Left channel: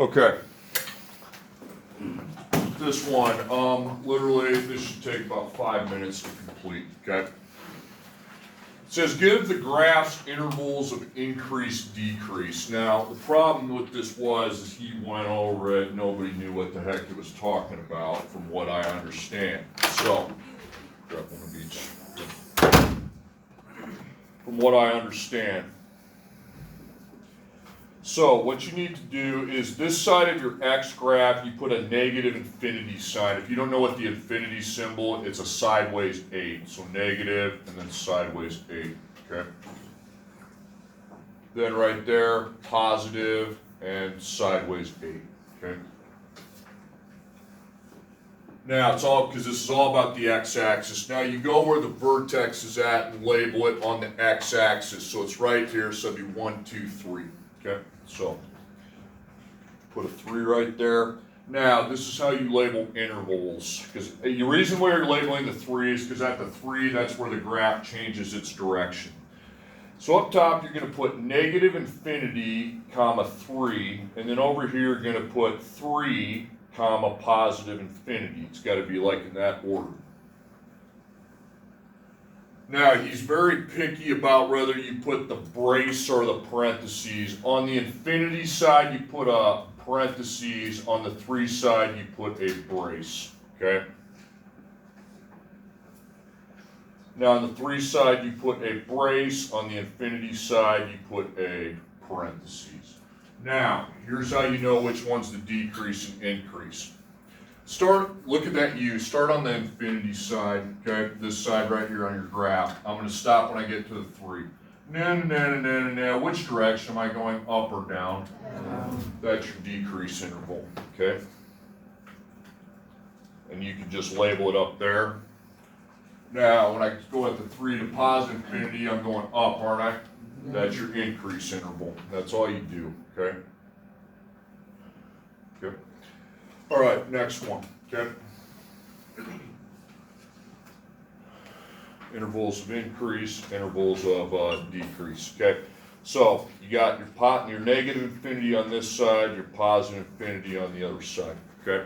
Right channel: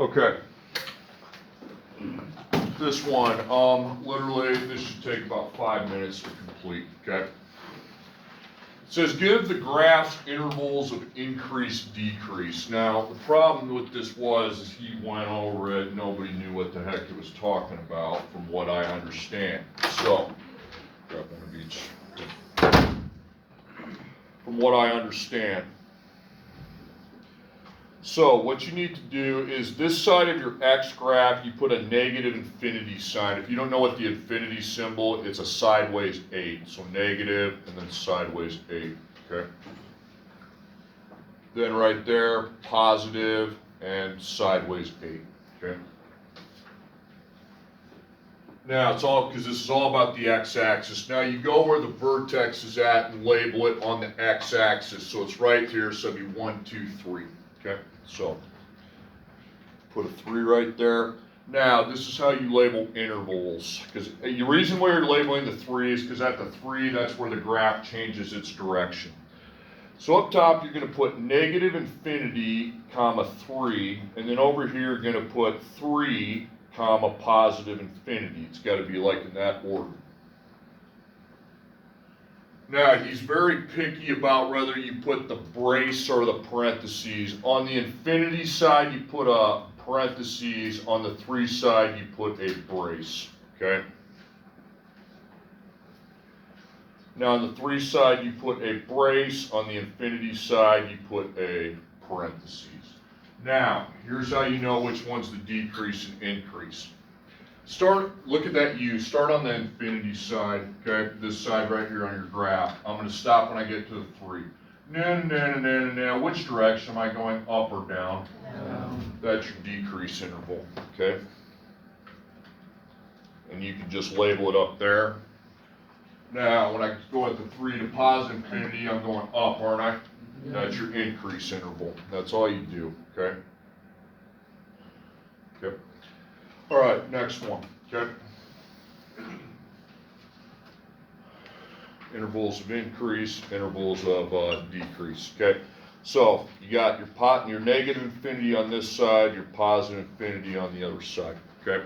Okay. This one, literally, this should take about 5 minutes to complete, okay? It says, give the graph's intervals of increase, decrease. Now, the problem with this is he went over it, nobody knew what the heck it was talking about, from what I understand. So, grab one of each. From what I understand. So what you need to do is this side of your x graph, you put a negative infinity sign. If you don't know what the infinity symbol, it's a sideways 8. So negative and then sideways 8, okay? Then right there, positive and sideways 8, okay? Now it's all, because this is all about the x-axis. Now you go where the vertex is at and label it on the x-axis. So it's right here, so it'll be 1, 2, 3. Okay, so put a 3 right there. Now, this is how you label intervals. Because the reason why you're labeling the 3 is because at the 3, that's where the graph changes its direction. So up top, you're going to put negative infinity, comma 3, and then over here, you're going to put 3, comma positive infinity. It's got to be like in that order. Now, he's very picky about whether you put the brace or the parentheses. On the infinity side, you put a parentheses. On the 3 side, you put a brace, okay? Now, on the 3 side, you put a brace. On the infinity side, you put a parentheses. Now, here's how you know which one's the decrease and increase. Look at that U, start on the infinity side, okay, this side right here on your graph. I'm going to stop when I get to the 3. Now, which direction am I going, up or down? Down. That's your decrease interval, okay? And you can just label it up there. Now, when I go at the 3 to positive infinity, I'm going up, aren't I? That's your increase interval. That's all you do, okay? Okay. All right, next one, okay? Intervals of increase, intervals of decrease, okay? So you got your negative infinity on this side, your positive infinity on the other side, okay?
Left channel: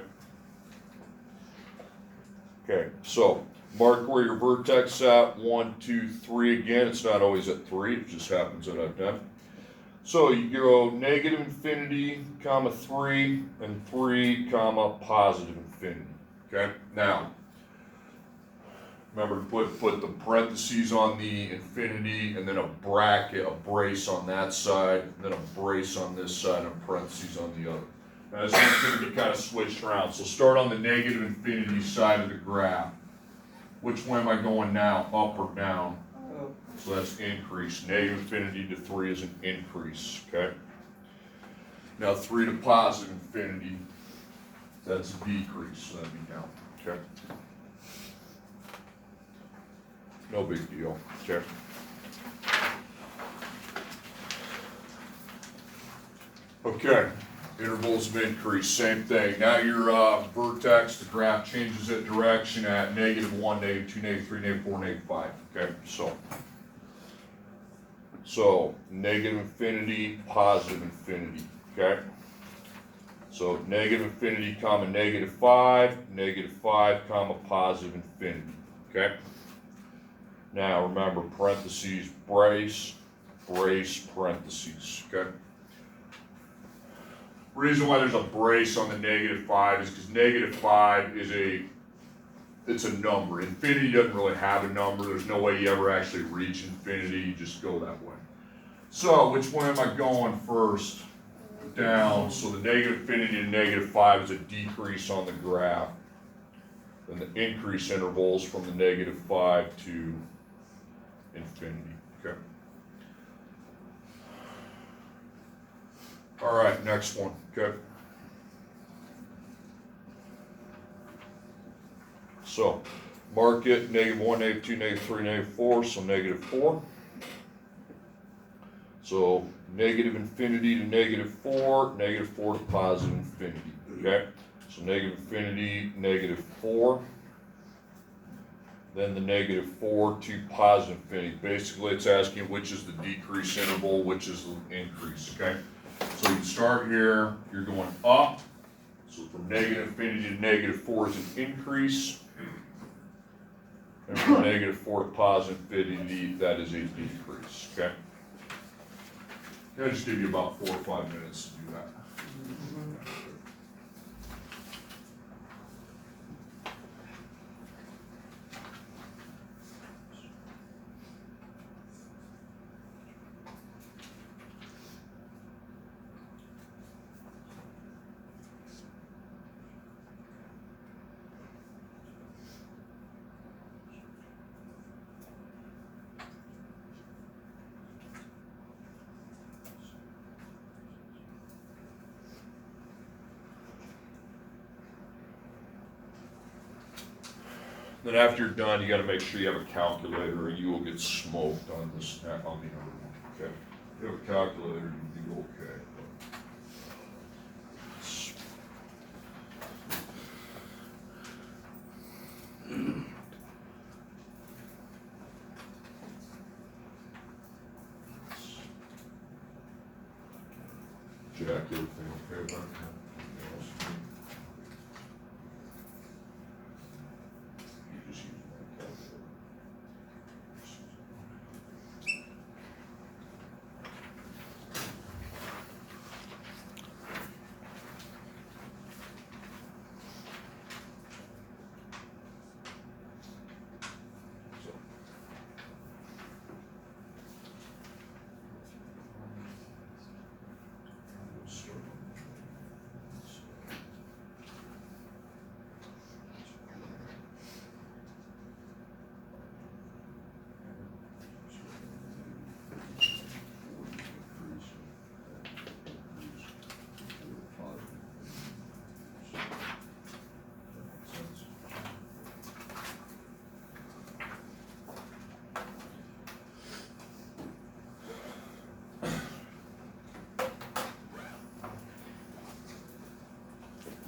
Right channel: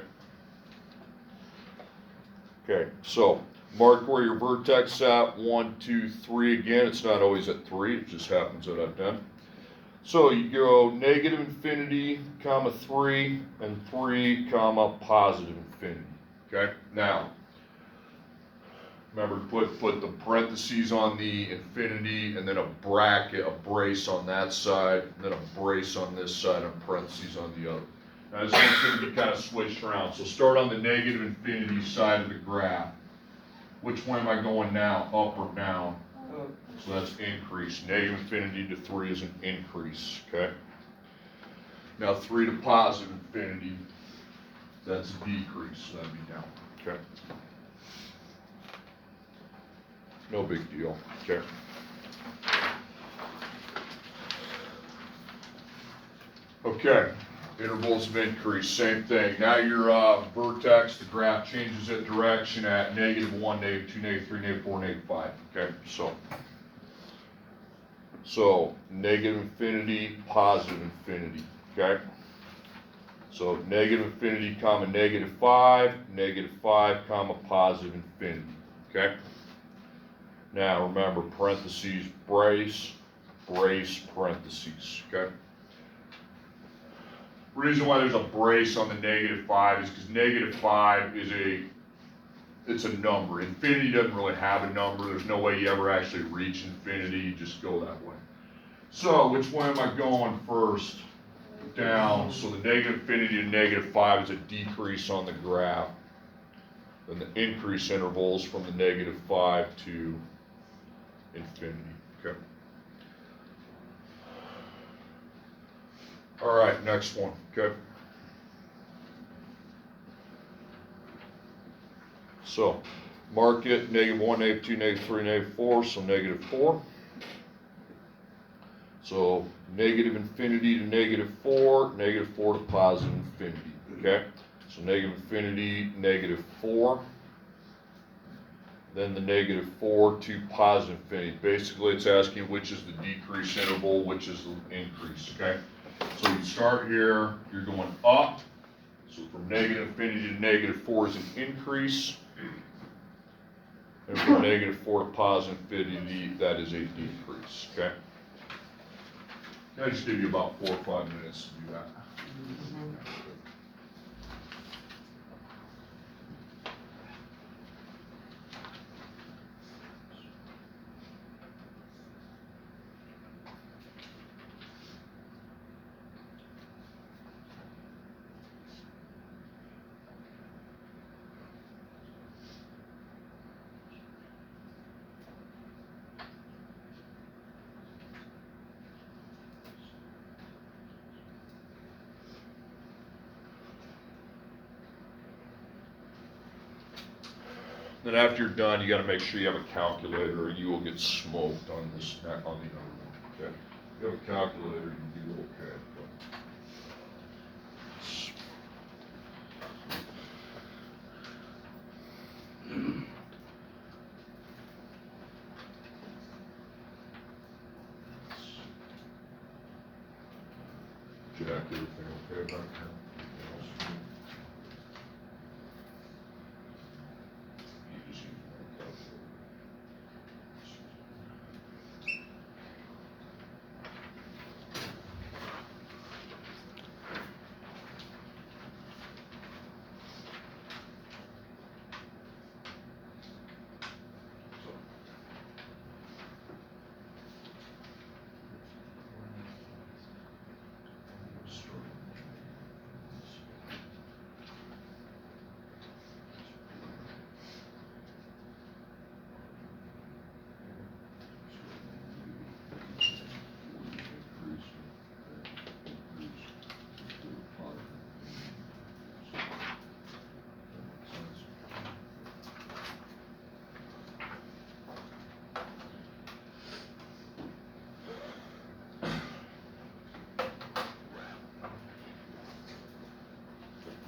Okay, so mark where your vertex is at, 1, 2, 3 again. It's not always at 3, it just happens at that time. So you go negative infinity, comma 3, and 3, comma positive infinity, okay? Now, remember to put the parentheses on the infinity, and then a bracket, a brace on that side, and then a brace on this side, and parentheses on the other. Now this one's going to be kind of switched around. So start on the negative infinity side of the graph. Which way am I going now, up or down? So that's increase. Negative infinity to 3 is an increase, okay? Now 3 to positive infinity, that's a decrease, so that'd be down, okay? No big deal, okay? Okay, intervals of increase, same thing. Now your vertex, the graph changes its direction at -1, -2, -3, -4, -5, okay? So negative infinity, positive infinity, okay? So negative infinity, comma -5, comma positive infinity, okay? Now remember, parentheses, brace, brace, parentheses, okay? Reason why there's a brace on the -5 is because -5 is it's a number. Infinity doesn't really have a number. There's no way you ever actually reach infinity. You just go that way. So which way am I going first? Down. So the negative infinity to -5 is a decrease on the graph. Then the increase intervals from the -5 to infinity. Okay. All right, next one. Okay. So mark it -1, -2, -3, -4, so -4. So negative infinity to -4, -4 to positive infinity, okay? So negative infinity, -4, then the -4 to positive infinity. Basically, it's asking which is the decrease interval, which is the increase, okay? So So you start here, you're going up. So from negative infinity to negative 4 is an increase. And from negative 4 to positive infinity, that is a decrease, okay? I'll just give you about 4 or 5 minutes to do that. Then after you're done, you got to make sure you have a calculator, or you will get smoked on this on the other one. Okay, if you have a calculator, you do okay. Jack, everything okay back here?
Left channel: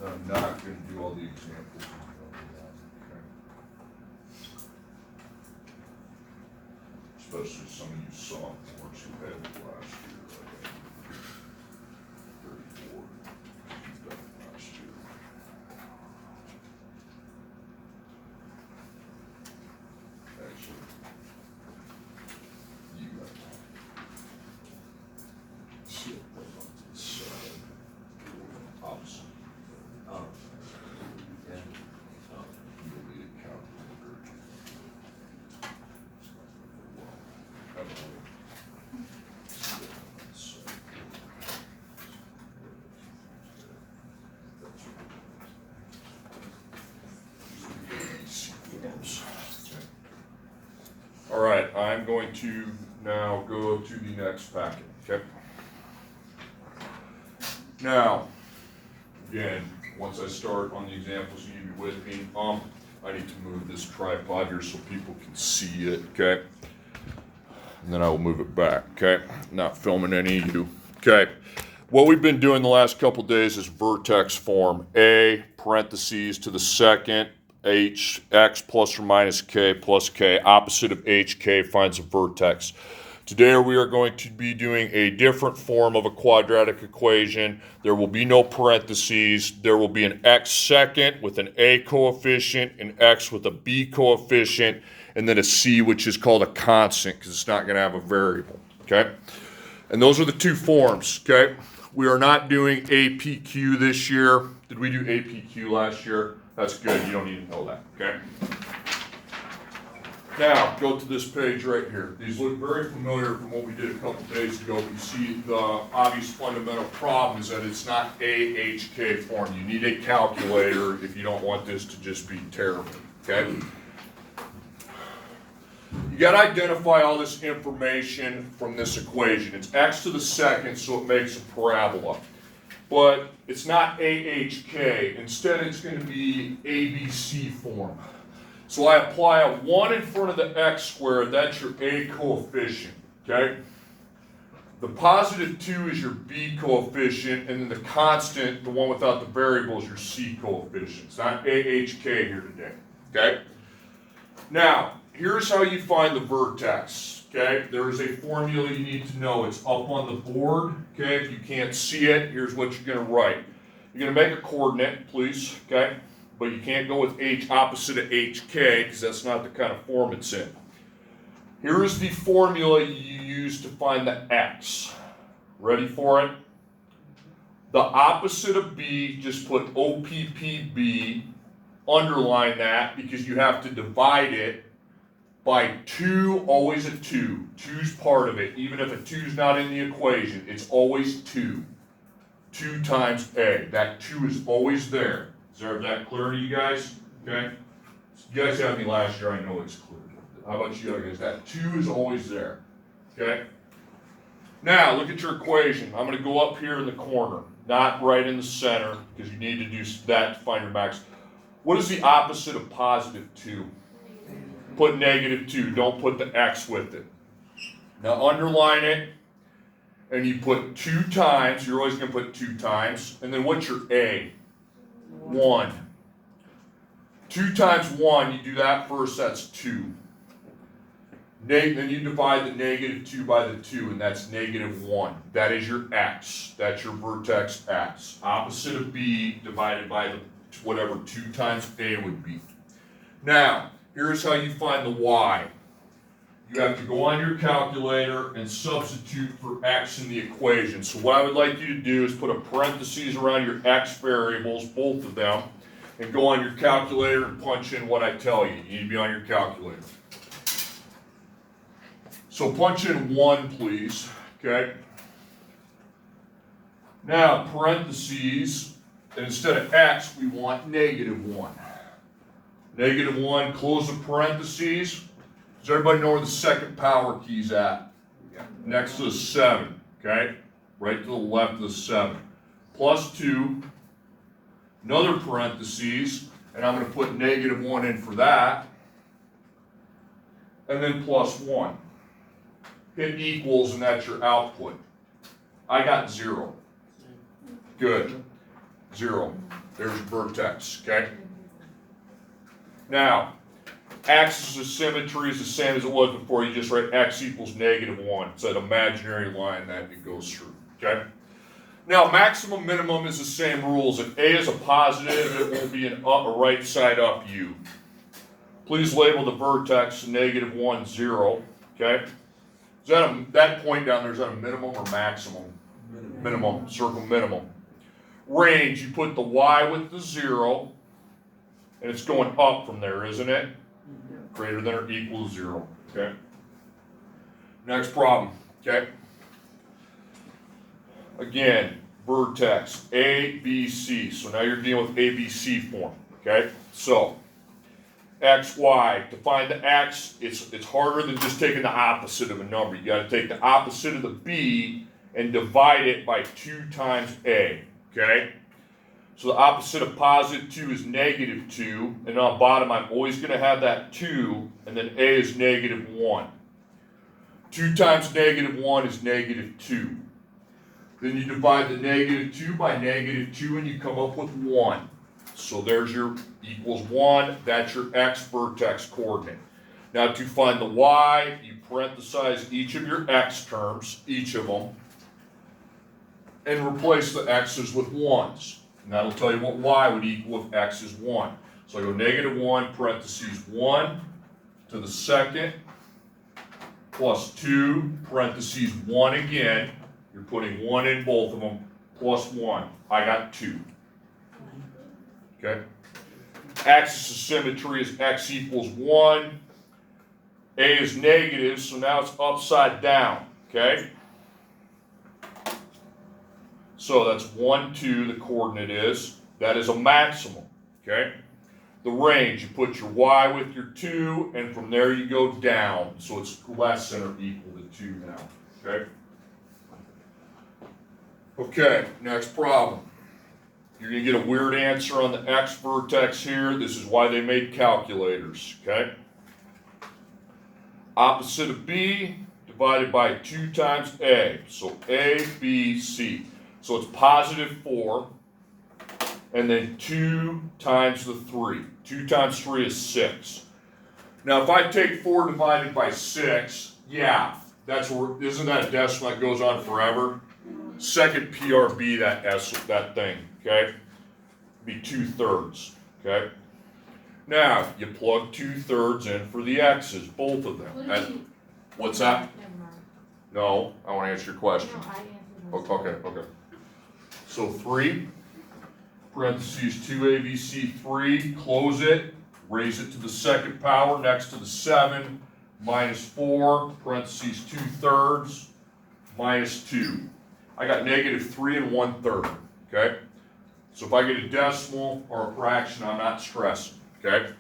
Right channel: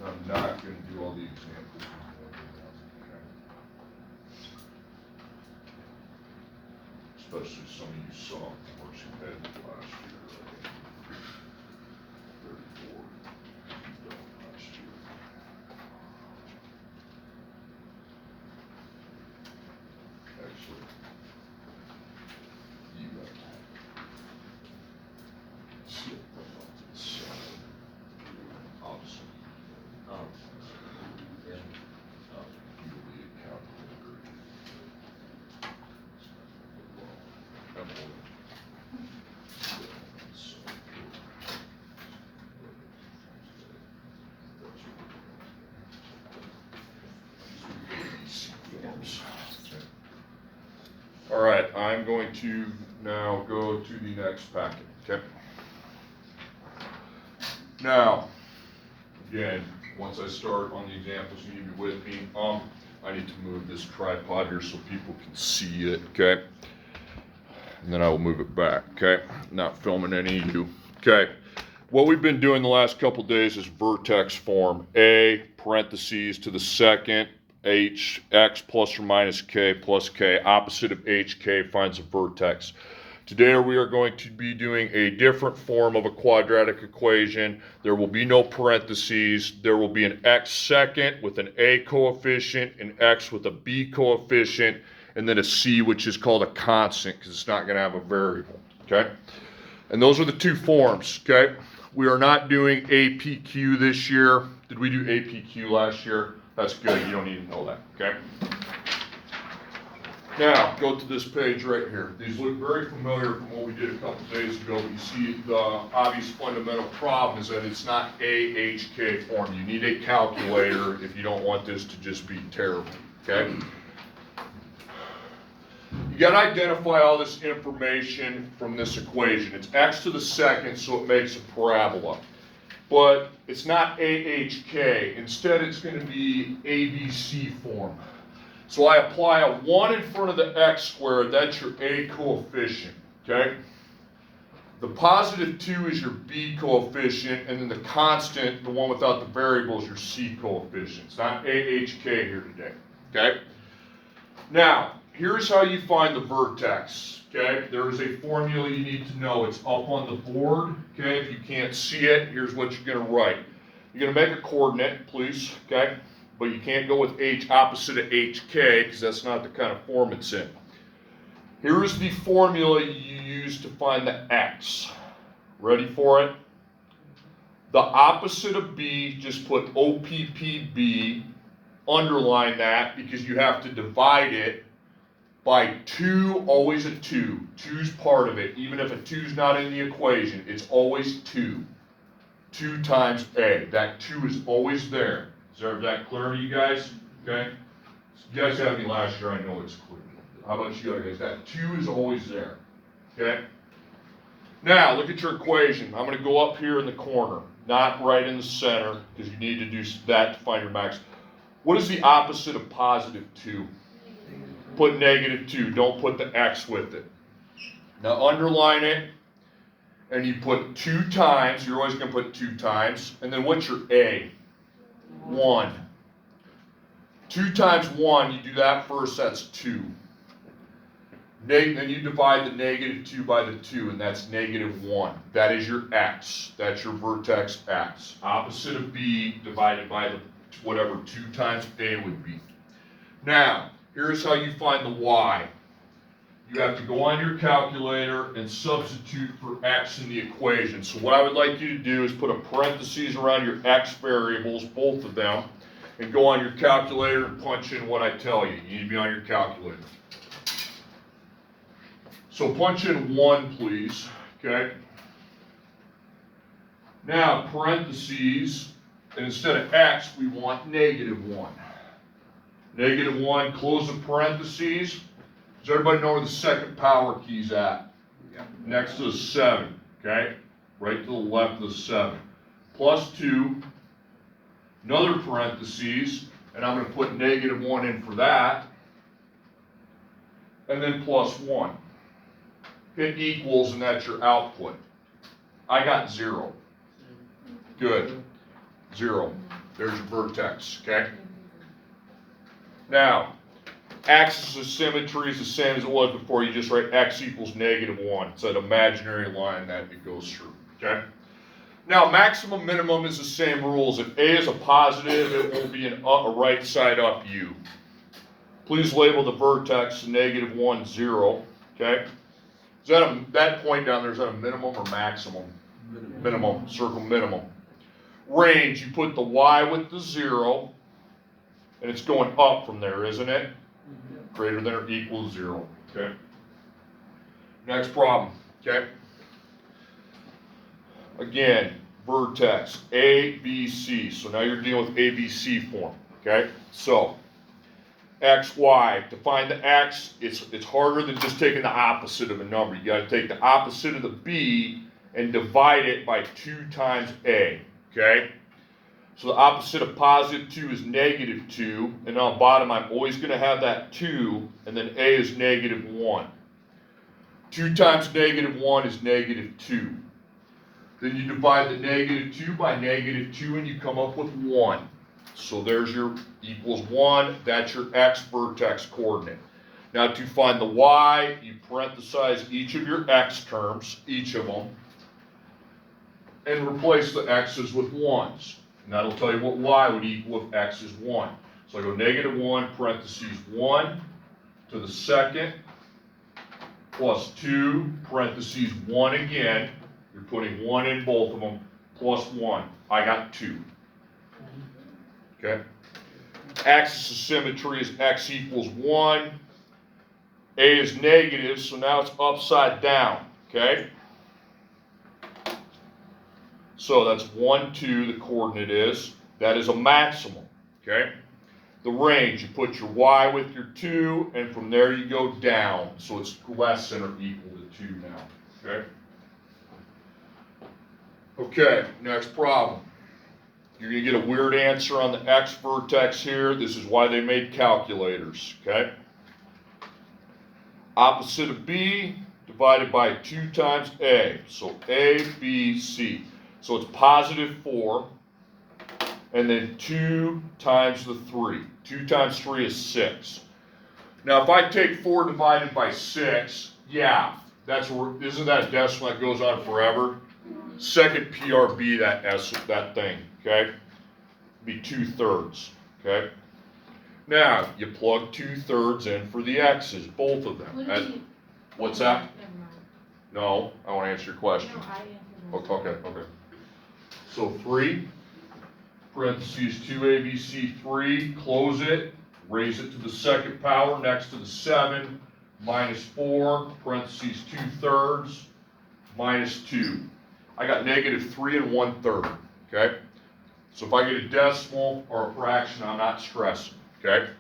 I'm not going to do all the examples. Okay. Especially some of you sophomores who had it last year. 34. You've done it last year. Actually, you got that. See it right on the side. Opposite. Yeah. You'll be a calculator. All right, I'm going to now go to the next packet, okay? Now, again, once I start on the examples, you need to be with me. I need to move this tripod here so people can see it, okay? And then I will move it back, okay? Not filming any of you. Okay, what we've been doing the last couple days is vertex form. A, parentheses to the second, h, x plus or minus k plus k. Opposite of hk finds a vertex. Today we are going to be doing a different form of a quadratic equation. There will be no parentheses. There will be an x second with an a coefficient, an x with a b coefficient, and then a c, which is called a constant because it's not going to have a variable, okay? And those are the two forms, okay? We are not doing APQ this year. Did we do APQ last year? That's good. You don't need to know that, okay? Now, go to this page right here. These look very familiar from what we did a couple days ago, but you see the obvious fundamental problem is that it's not AHK form. You need a calculator if you don't want this to just be terrible, okay? You got to identify all this information from this equation. It's x to the second, so it makes a parabola. But it's not AHK. Instead, it's going to be ABC form. So I apply a 1 in front of the x squared. That's your a coefficient, okay? The positive 2 is your b coefficient, and then the constant, the one without the variable, is your c coefficient. It's not AHK here today, okay? Now, here's how you find the vertex, okay, there is a formula you need to know. It's up on the board, okay? If you can't see it, here's what you're going to write. You're going to make a coordinate, please, okay? But you can't go with h opposite of hk because that's not the kind of form it's in. Here is the formula you use to find the x. Ready for it? The opposite of b, just put OPPB, underline that because you have to divide it by 2, always a 2. 2's part of it. Even if a 2's not in the equation, it's always 2. 2 times a. That 2 is always there. Is that clear to you guys? Okay? You guys had me last year, I know it's clear. How about you guys? That 2 is always there. Okay? Now, look at your equation. I'm going to go up here in the corner, not right in the center, because you need to do that to find your max. What is the opposite of positive 2? Put negative 2. Don't put the x with it. Now, underline it, and you put 2 times. You're always going to put 2 times. And then what's your a? 1. 2 times 1, you do that first, that's 2. Then you divide the negative 2 by the 2, and that's negative 1. That is your x. That's your vertex x. Opposite of b divided by the whatever 2 times a would be. Now, here's how you find the y. You have to go on your calculator and substitute for x in the equation. So what I would like you to do is put a parentheses around your x variables, both of them, and go on your calculator and punch in what I tell you. You need to be on your calculator. So punch in 1, please, okay? Now, parentheses, and instead of x, we want negative 1. Negative 1, close the parentheses. Does everybody know where the second power key's at? Yeah. Next to the 7, okay? Right to the left of the 7. Plus 2, another parentheses, and I'm going to put negative 1 in for that, and then plus 1. It equals, and that's your output. I got 0. Good. 0. There's vertex, okay? Now, axis of symmetry is the same as it was before. You just write x equals negative 1. It's that imaginary line that it goes through, okay? Now, maximum minimum is the same rules. If a is a positive, it will be a right side up u. Please label the vertex negative 1, 0, okay? Is that point down there, is that a minimum or maximum? Minimum. Circle minimum. Range, you put the y with the 0, and it's going up from there, isn't it? Greater than or equals 0, okay? Next problem, okay? Again, vertex, A, B, C. So now you're dealing with ABC form, okay? So, x, y. To find the x, it's harder than just taking the opposite of a number. You got to take the opposite of the b and divide it by 2 times a, okay? So the opposite of positive 2 is negative 2, and on the bottom I'm always going to have that 2, and then a is negative 1. 2 times negative 1 is negative 2. Then you divide the negative 2 by negative 2, and you come up with 1. So there's your equals 1. That's your x vertex coordinate. Now to find the y, you parenthesize each of your x terms, each of them, and replace the x's with 1s. And that'll tell you what y would equal if x is 1. So I go negative 1, parentheses 1 to the second, plus 2, parentheses 1 again. You're putting 1 in both of them, plus 1. I got 2. Okay? Axis of symmetry is x equals 1. A is negative, so now it's upside down. Okay? So that's 1, 2, the coordinate is. That is a maximum. Okay? The range, you put your y with your 2, and from there you go down. So it's less than or equal to 2 now. Okay? Okay, next problem. You're going to get a weird answer on the x vertex here. This is why they made calculators, okay? Opposite of b divided by 2 times a. So a, b, c. So it's positive 4, and then 2 times the 3. 2 times 3 is 6. Now if I take 4 divided by 6, Yeah, that's where, isn't that a decimal that goes on forever? Second PRB, that thing, okay? Be 2/3, okay? Now, you plug 2/3 in for the x's, both of them. What's that? Never mind. No, I want to answer your question. No, I answered myself. Okay. So 3, parentheses 2abc 3, close it, raise it to the second power next to the 7, minus 4, parentheses 2/3, minus 2. I got negative 3 1/3, okay? So if I get a decimal or a fraction, I'm not stressing, okay?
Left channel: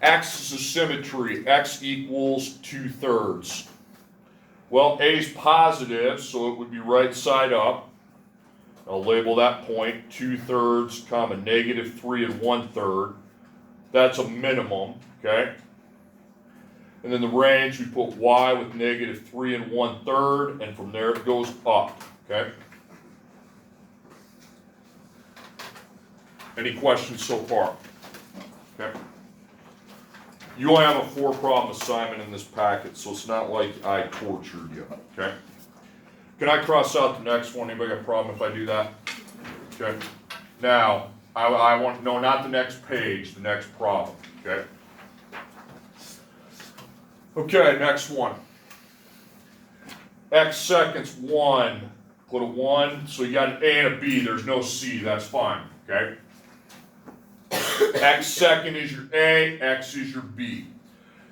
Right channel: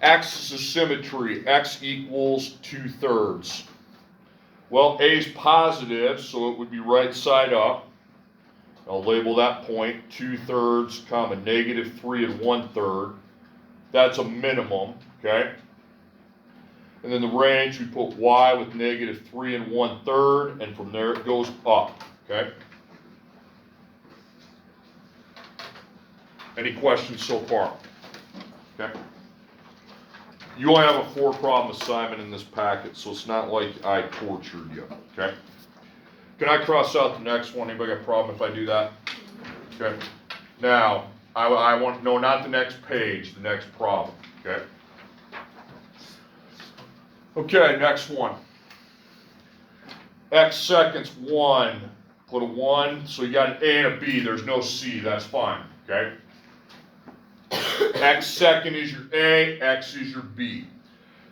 Axis of symmetry, x equals 2/3. Well, A is positive, so it would be right side up. I'll label that point 2/3, comma, negative 3 1/3. That's a minimum, okay? And then the range, we put y with negative 3 1/3, and from there it goes up, okay? Any questions so far? Okay. You only have a 4-problem assignment in this packet, so it's not like I tortured you, okay? Can I cross out the next one? Anybody got a problem if I do that? Okay. Now, I want, no, not the next page, the next problem, okay? Okay, next one. X seconds 1, put a 1, so you got an A and a B, there's no C, that's fine, okay? X second is your A, X is your B.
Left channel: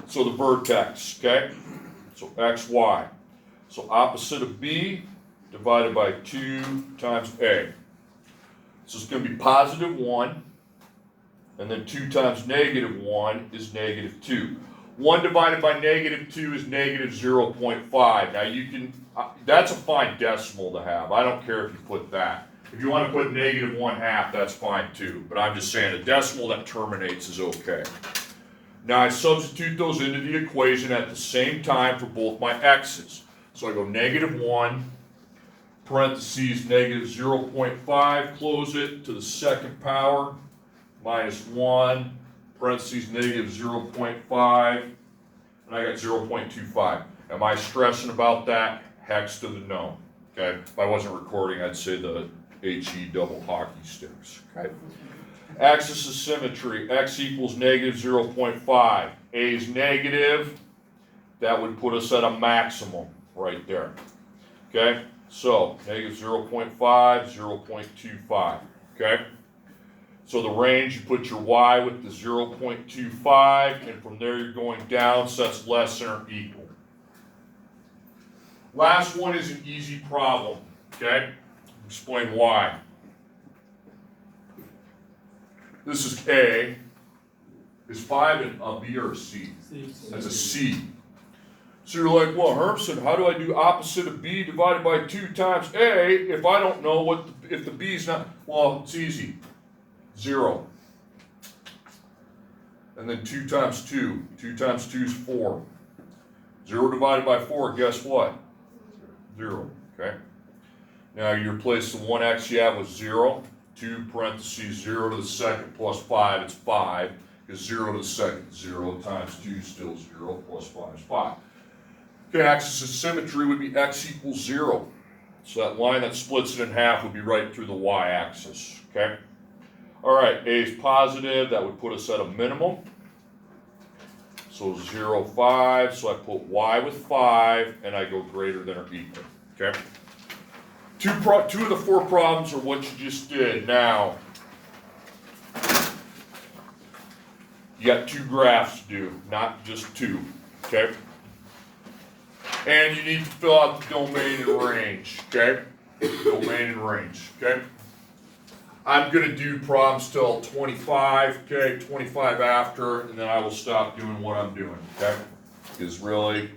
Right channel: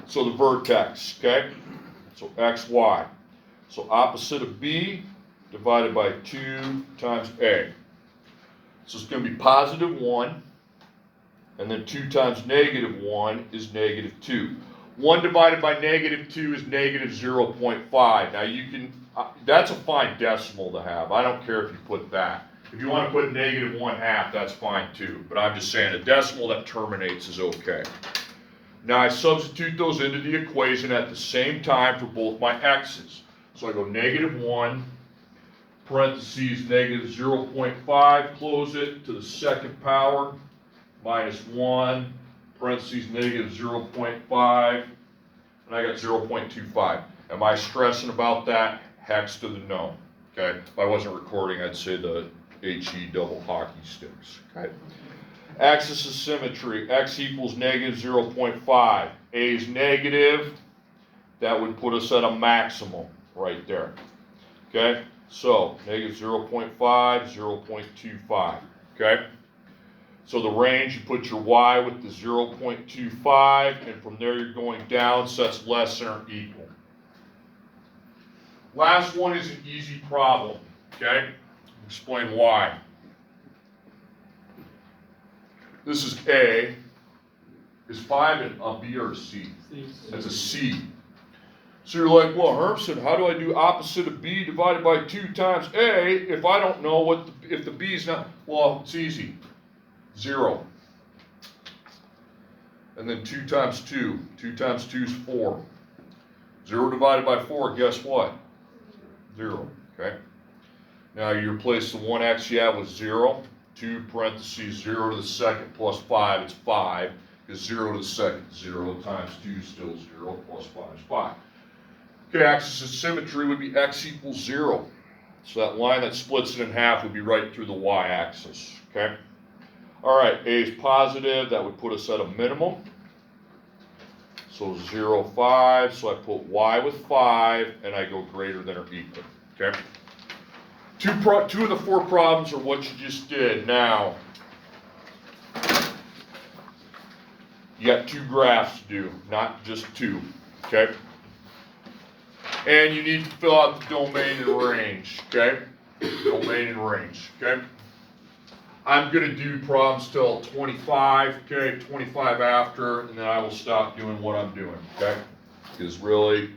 So the vertex, okay? So X, Y. So opposite of B divided by 2 times A. So it's going to be positive 1, and then 2 times negative 1 is negative 2. 1 divided by negative 2 is negative 0.5. Now you can, that's a fine decimal to have. I don't care if you put that. If you want to put negative 1/2, that's fine too. But I'm just saying a decimal that terminates is okay. Now I substitute those into the equation at the same time for both my x's. So I go negative 1, parentheses negative 0.5, close it to the second power, minus 1, parentheses negative 0.5, and I got 0.25. Am I stressing about that? Hex to the no. Okay? If I wasn't recording, I'd say the HE double hockey sticks. Okay? Axis of symmetry, x equals negative 0.5. A is negative. That would put us at a maximum right there. Okay? So, negative 0.5, 0.25. Okay? So the range, you put your y with the 0.25, and from there you're going down, so that's less than or equal. Last one is an easy problem. Okay? Explain why. This is A. Is 5 a B or a C? It's a C. So you're like, well, Hermson, how do I do opposite of B divided by 2 times A if I don't know what if the B is not? Well, it's easy. 0. And then 2 times 2. 2 times 2 is 4. 0 divided by 4, guess what? 0. Okay? Now you replace the 1x you have with 0. 2 parentheses 0 to the second plus 5, it's 5. Because 0 to the second, 0 times 2 is still 0, plus 5 is 5. Okay, axis of symmetry would be x equals 0. So that line that splits it in half would be right through the y-axis. Okay? All right, A is positive. That would put us at a minimum. So 0, 5. So I put y with 5, and I go greater than or equal. Okay? Two of the 4 problems are what you just did. Now, you got 2 graphs to do, not just 2. Okay? And you need to fill out the domain and range. Okay? Domain and range. Okay? I'm going to do problems till 25, okay, 25 after, and then I will stop doing what I'm doing, okay? Because really,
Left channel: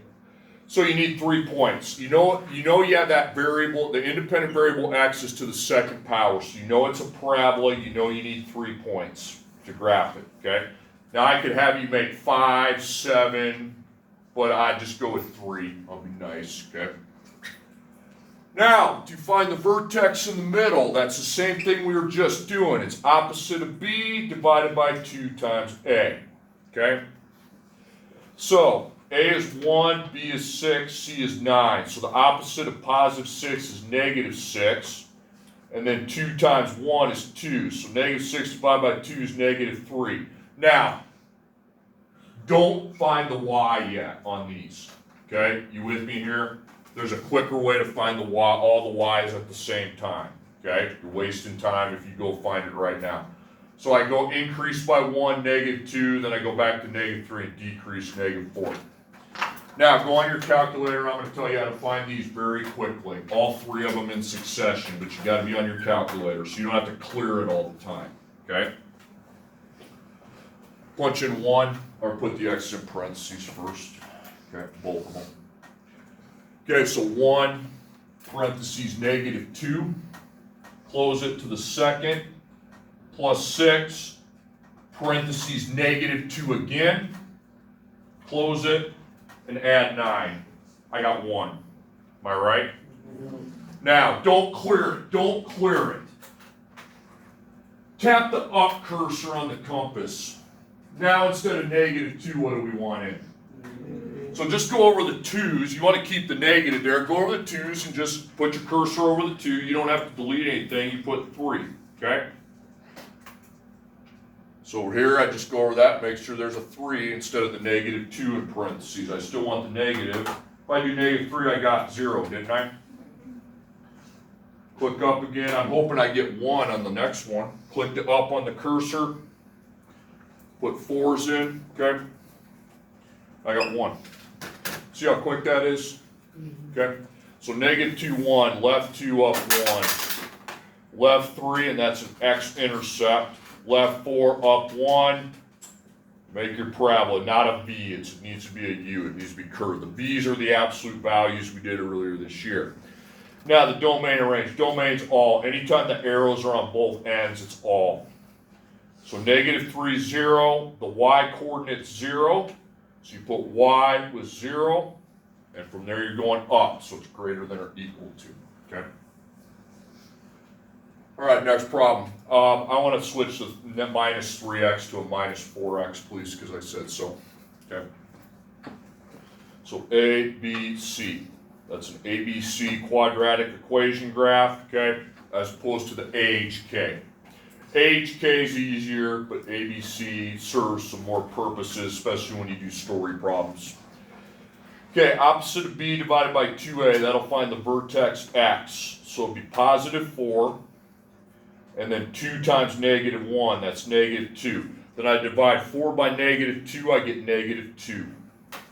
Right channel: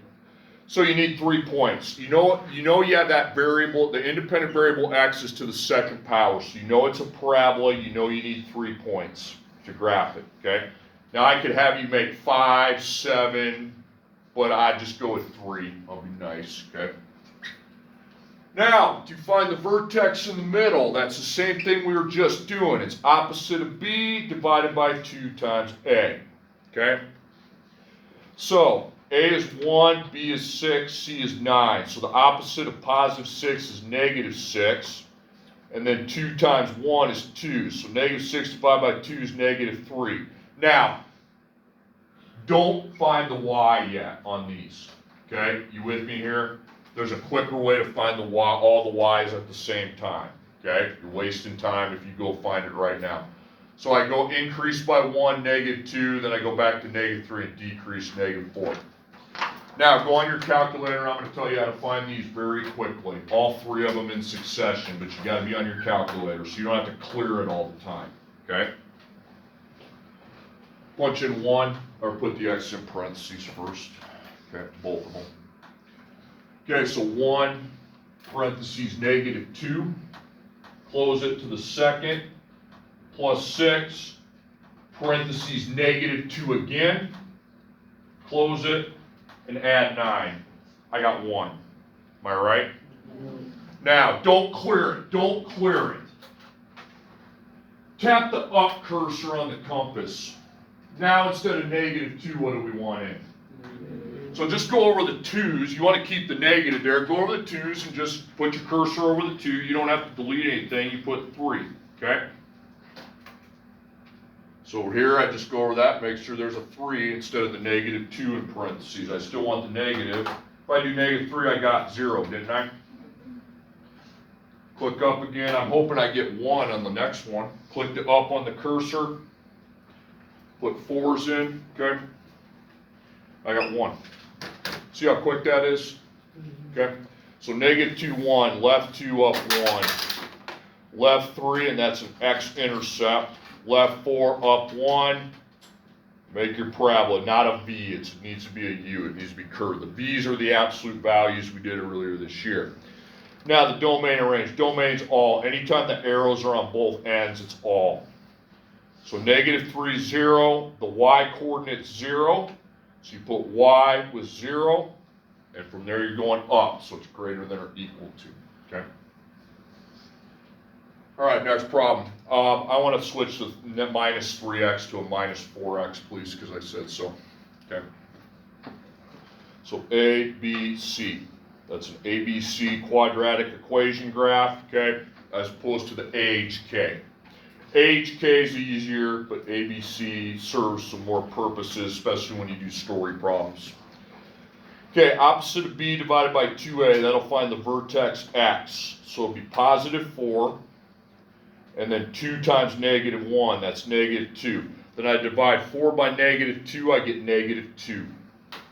so you need 3 points. You know you have that variable, the independent variable x is to the second power, so you know it's a parabola, you know you need 3 points to graph it, okay? Now I could have you make 5, 7, but I just go with 3, I'll be nice, okay? Now, to find the vertex in the middle, that's the same thing we were just doing. It's opposite of B divided by 2 times A. Okay? So, A A is 1, B is 6, C is 9. So the opposite of positive 6 is negative 6. And then 2 times 1 is 2. So negative 6 divided by 2 is negative 3. Now, don't find the y yet on these. Okay? You with me here? There's a quicker way to find the y, all the y's at the same time. Okay? You're wasting time if you go find it right now. So I go increase by 1, negative 2, then I go back to negative 3 and decrease negative 4. Now, go on your calculator. I'm going to tell you how to find these very quickly. All 3 of them in succession, but you got to be on your calculator so you don't have to clear it all the time. Okay? Punch in 1, or put the x in parentheses first. Okay, both of them. Okay, so 1, parentheses, negative 2. Close it to the second, plus 6, parentheses, negative 2 again. Close it, and add 9. I got 1. Am I right? Now, don't clear it. Don't clear it. Tap the up cursor on the compass. Now, instead of negative 2, what do we want in? So just go over the 2's. You want to keep the negative there. Go over the 2's and just put your cursor over the 2. You don't have to delete anything. You put 3. Okay? So over here, I just go over that, make sure there's a 3 instead of the negative 2 in parentheses. I still want the negative. If I do negative 3, I got 0, didn't I? Click up again. I'm hoping I get 1 on the next one. Click the up on the cursor. Put 4's in, okay? I got 1. See how quick that is? Okay? So negative 2, 1, left 2, up 1. Left 3, and that's an x-intercept. Left 4, up 1. Make your parabola, not a V. It needs to be a U. It needs to be curved. The V's are the absolute values we did earlier this year. Now the domain and range. Domain's all. Anytime the arrows are on both ends, it's all. So negative 3, 0. The y coordinate's 0. So you put y with 0. And from there you're going up. So it's greater than or equal to. Okay? All right, next problem. I want to switch the minus 3x to a minus 4x, please, because I said so. Okay. So A, B, C. That's an ABC quadratic equation graph, okay, as opposed to the AHK. AHK is easier, but ABC serves some more purposes, especially when you do story problems. Okay, opposite of B divided by 2A, that'll find the vertex X. So it'll be positive 4. And then 2 times negative 1, that's negative 2. Then I divide 4 by negative 2, I get negative 2.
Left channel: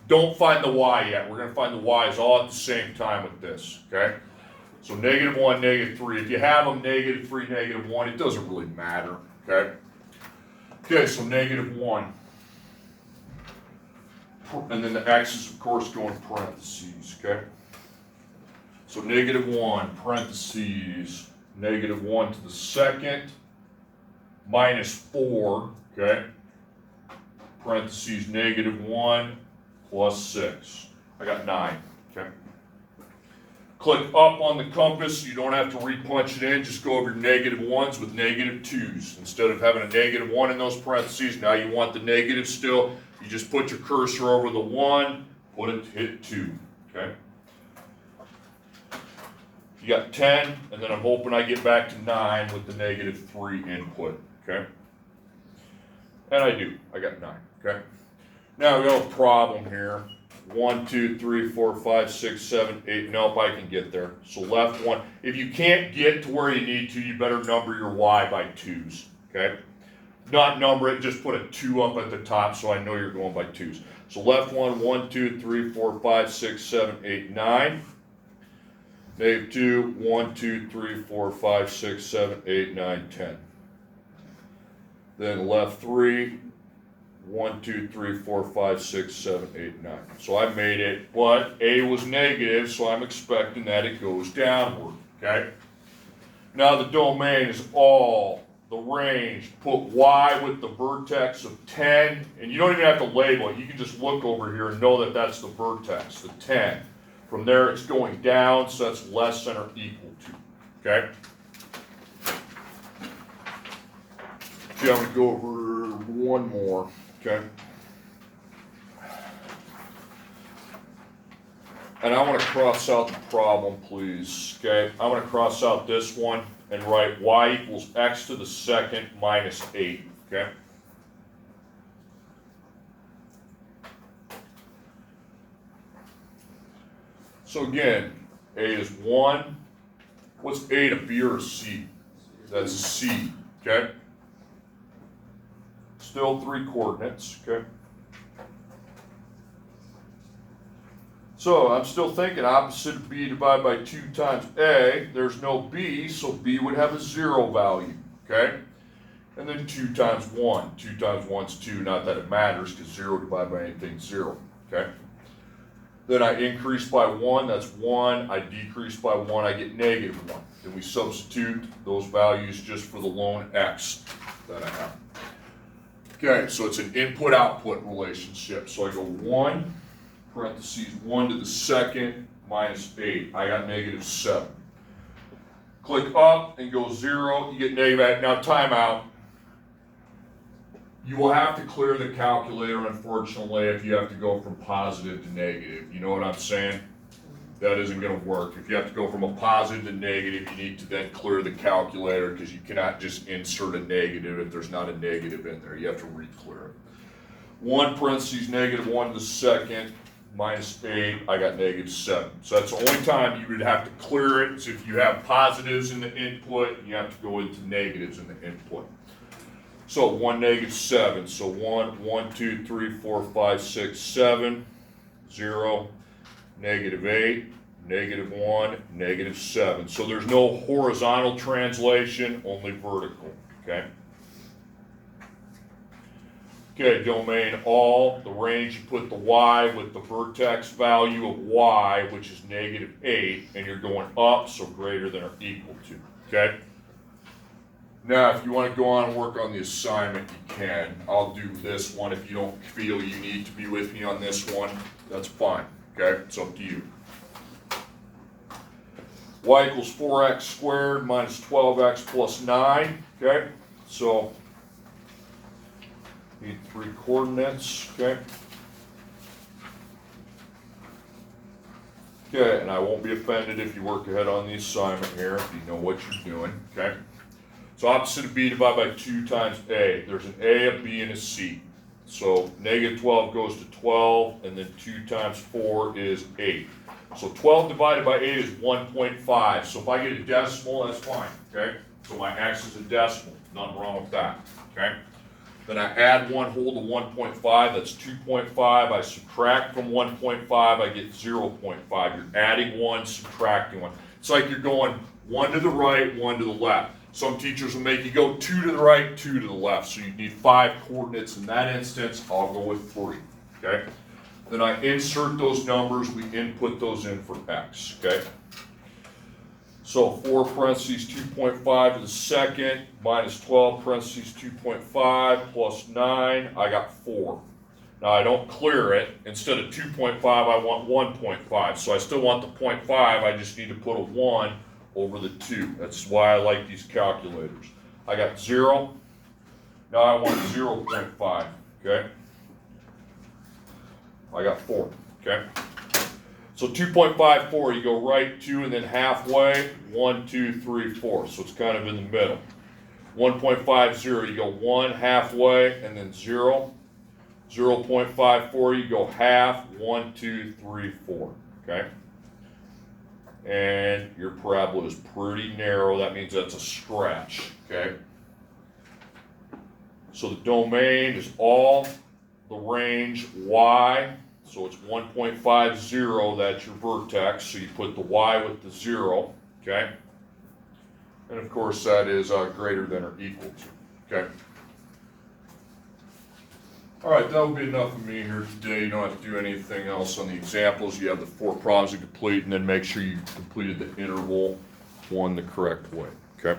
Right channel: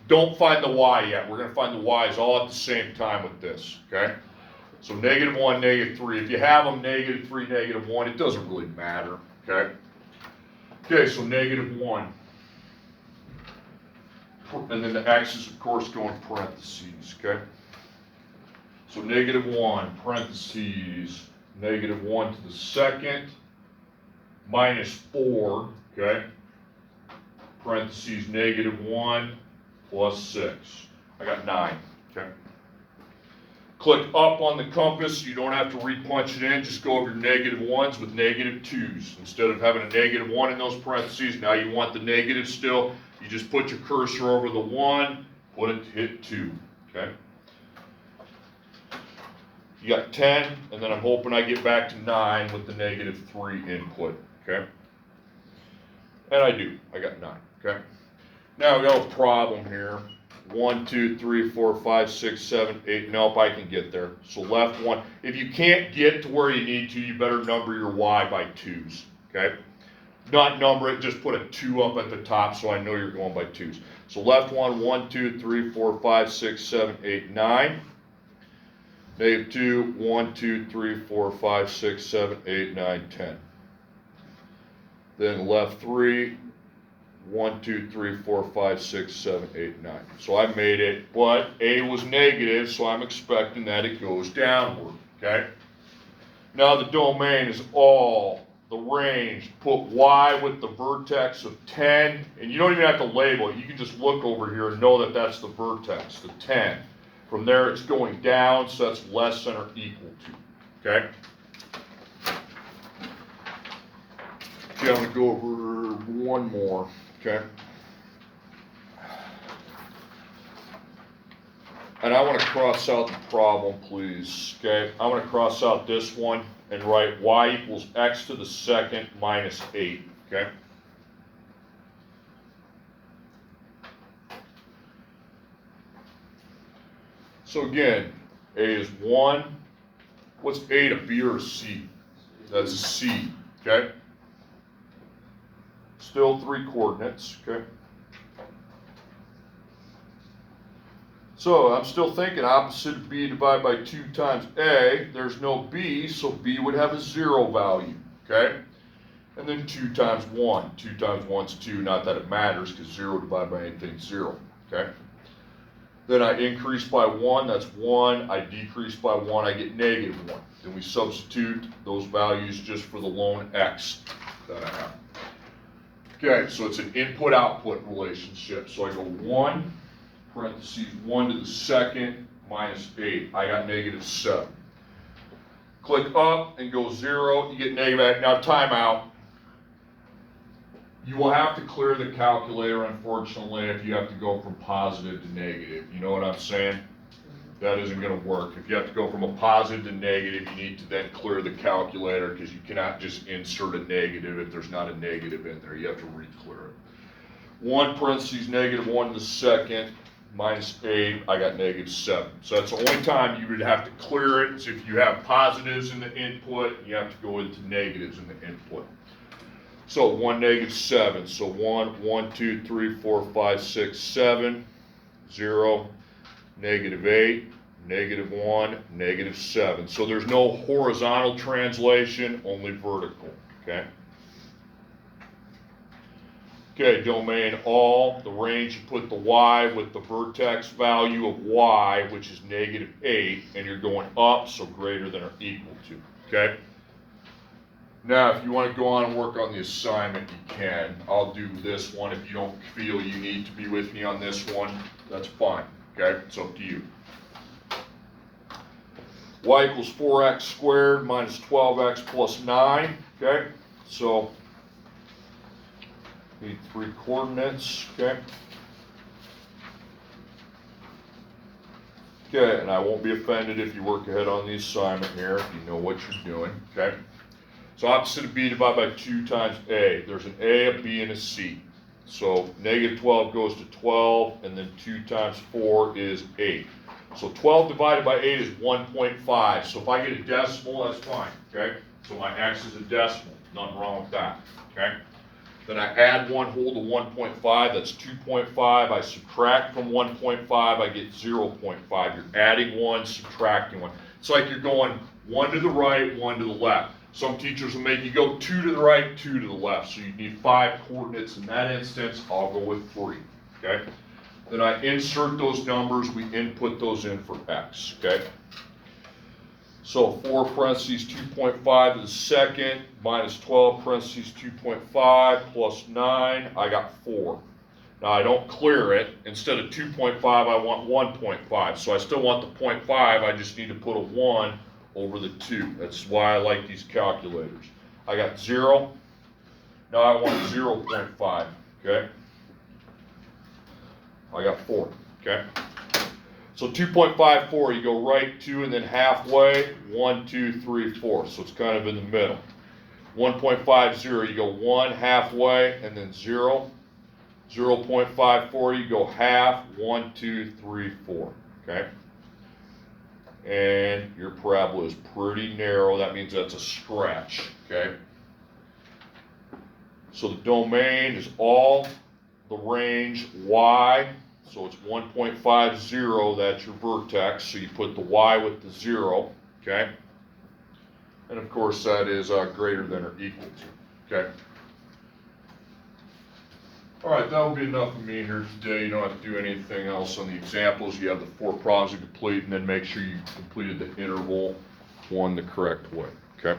Don't find the y yet. We're going to find the y's all at the same time with this, okay? So negative 1, negative 3. If you have them negative 3, negative 1, it doesn't really matter, okay? Okay, so negative 1. And then the x's, of course, go in parentheses, okay? So negative 1, parentheses, negative 1 to the second, minus 4, okay? Parentheses, negative 1 plus 6. I got 9, okay? Click up on the compass. You don't have to re-punch it in. Just go over your negative 1's with negative 2's. Instead of having a negative 1 in those parentheses, now you want the negative still. You just put your cursor over the 1, put it, hit 2, okay? You got 10, and then I'm hoping I get back to 9 with the negative 3 input, okay? And I do. I got 9, okay? Now we got a problem here. 1, 2, 3, 4, 5, 6, 7, 8. Nope, I can get there. So left 1. If you can't get to where you need to, you better number your y by 2's, okay? Not number it, just put a 2 up at the top so I know you're going by 2's. So left 1, 1, 2, 3, 4, 5, 6, 7, 8, 9. Negative 2, 1, 2, 3, 4, 5, 6, 7, 8, 9, 10. Then left 3, 1, 2, 3, 4, 5, 6, 7, 8, 9. So I made it, but A was negative, so I'm expecting that it goes downward, okay? Now the domain is all, the range, put Y with the vertex of 10, and you don't even have to label it. You can just look over here and know that that's the vertex, the 10. From there, it's going down, so that's less than or equal to, okay? Okay, I'm going to go over one more, okay? and I want to cross out the problem, please, okay? I want to cross out this one and write y equals x to the second minus 8, okay? So again, a is 1. What's a to b or c? That's a c, okay? Still 3 coordinates, okay? So I'm still thinking opposite of b divided by 2 times a. There's no b, so b would have a 0 value, okay? And then 2 times 1. 2 times 1 is 2, not that it matters, because 0 divided by anything is 0, okay? Then I increase by 1, that's 1. I decrease by 1, I get negative 1. Then we substitute those values just for the lone x that I have. Okay, so it's an input-output relationship. So I go 1, parentheses 1 to the second, minus 8. I got negative 7. Click up and go 0, you get negative 8. Now timeout. You will have to clear the calculator, unfortunately, if you have to go from positive to negative. You know what I'm saying? That isn't going to work. If you have to go from a positive to negative, you need to then clear the calculator, because you cannot just insert a negative if there's not a negative in there. You have to re-clear it. 1 parentheses negative 1 to the second, minus 8, I got negative 7. So that's the only time you would have to clear it, is if you have positives in the input, and you have to go into negatives in the input. So 1, negative 7. So 1, 2, 3, 4, 5, 6, 7, 0, negative 8, negative 1, negative 7. So there's no horizontal translation, only vertical, okay? Okay, domain all, the range, you put the y with the vertex value of y, which is negative 8, and you're going up, so greater than or equal to, okay? Now, if you want to go on and work on the assignment, you can. I'll do this one. If you don't feel you need to be with me on this one, that's fine, okay? It's up to you. Y equals 4x squared minus 12x plus 9, okay? So, need 3 coordinates, okay? Okay, and I won't be offended if you work ahead on the assignment here, if you know what you're doing, okay? So opposite of b divided by 2 times a. There's an a, a b, and a c. So negative 12 goes to 12, and then 2 times 4 is 8. So 12 divided by 8 is 1.5. So if I get a decimal, that's fine, okay? So my x is a decimal, nothing wrong with that, okay? Then I add 1 whole to 1.5, that's 2.5. I subtract from 1.5, I get 0.5. You're adding 1, subtracting 1. It's like you're going 1 to the right, 1 to the left. Some teachers will make you go 2 to the right, 2 to the left. So you need 5 coordinates. In that instance, I'll go with 3, okay? Then I insert those numbers, we input those in for x, okay? So 4 parentheses 2.5 to the second, minus 12 parentheses 2.5 plus 9, I got 4. Now I don't clear it. Instead of 2.5, I want 1.5. So I still want the 0.5, I just need to put a 1 over the 2. That's why I like these calculators. I got 0. Now I want 0.5, okay? I got 4, okay? So 2.54, you go right 2 and then halfway, 1, 2, 3, 4. So it's kind of in the middle. 1.50, you go 1 halfway and then 0. 0.54, you go half, 1, 2, 3, 4, okay? And your parabola is pretty narrow. That means that's a stretch, okay? So the domain is all the range y. So it's 1.50, that's your vertex. So you put the y with the 0, okay? And of course that is greater than or equal to, okay? All right, that will be enough of me here today. You don't have to do anything else on the examples. You have the 4 problems to complete, and then make sure you completed the interval one the correct way, okay?